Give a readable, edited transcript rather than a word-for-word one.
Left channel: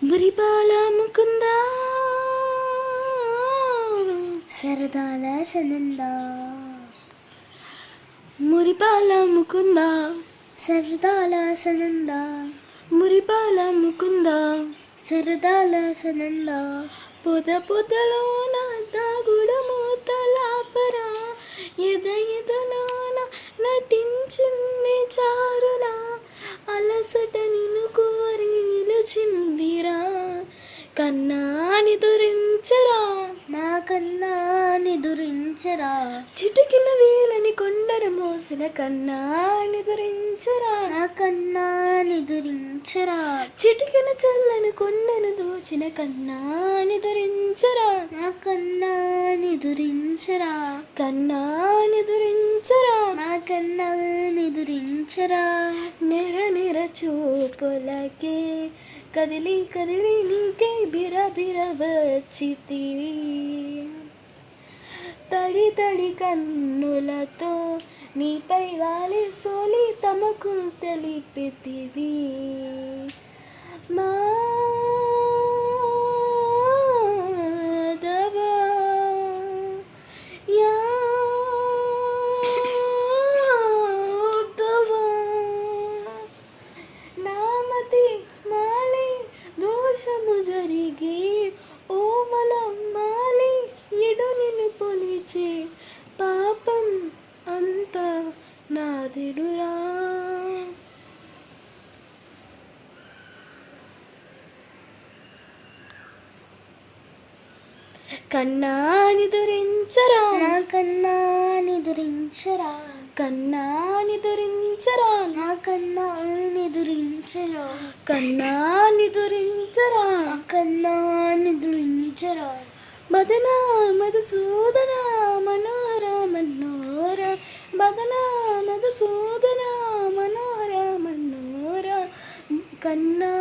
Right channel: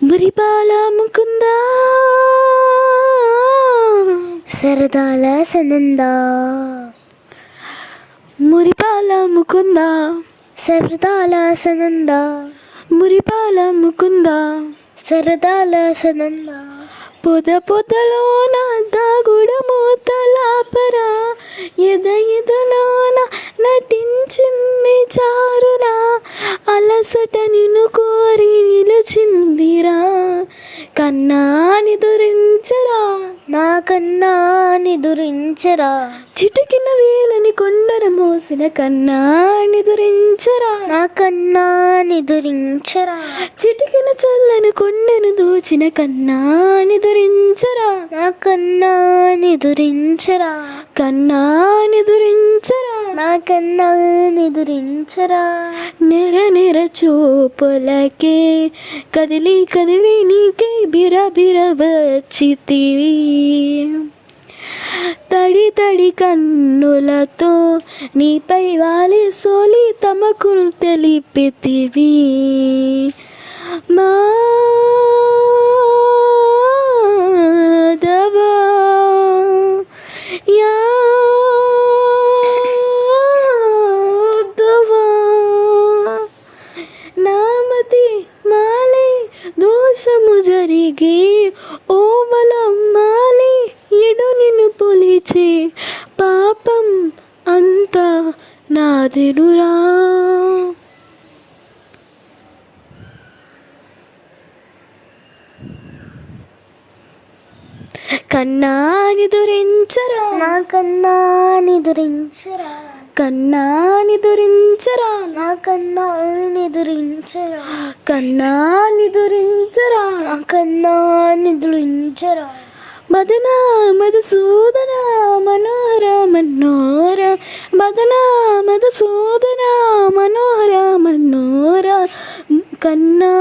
మురిపాల ముకుంద సరదాల సనంద మురిపాల ముకుంద సరదాల సనంద మురిపాల ముకుంద సరదాల సనంద పొదలోన దాగుడు మూతలాపరా ఎదలోన నటించింది చారురా అలసట నిన్ను కోరి నిలుచిందిరా కన్నాని దురించరా నా కన్నా నిదురించరా చిటికిన వేలని కొండన మోసిన కన్నాని దురించరా నా కన్నా నిదురించరా చిటికిన చల్లని కొండను దోచిన కన్నాని దురించరా నా కన్నా నిదురించరా కన్నాని దురించరా నా కన్నా నిదురించరా నెర చూపులకే కదిలి కదిలి నీకే బిర వచ్చితివి తడి కన్నులతో నీపై వాలి సోలి తమకులు తెలిపితివి మాధవా యాదవా నామతి మాలి దోషము జరిగి ఓమలమ్మాలి ఎడు నిన్ను పొలిచే పాపం అంతా నాదెనురా. కన్నాని దురించరా నా కన్నా నిదురించరా కన్నాని దురించరా నా కన్నా నిదురించరా కన్నాని దురించరా నా కన్నా నిదురించరా మదన మధుసూదన మనోహర మనోహర మదన మధుసూదన మనోహర మనోహర కన్నా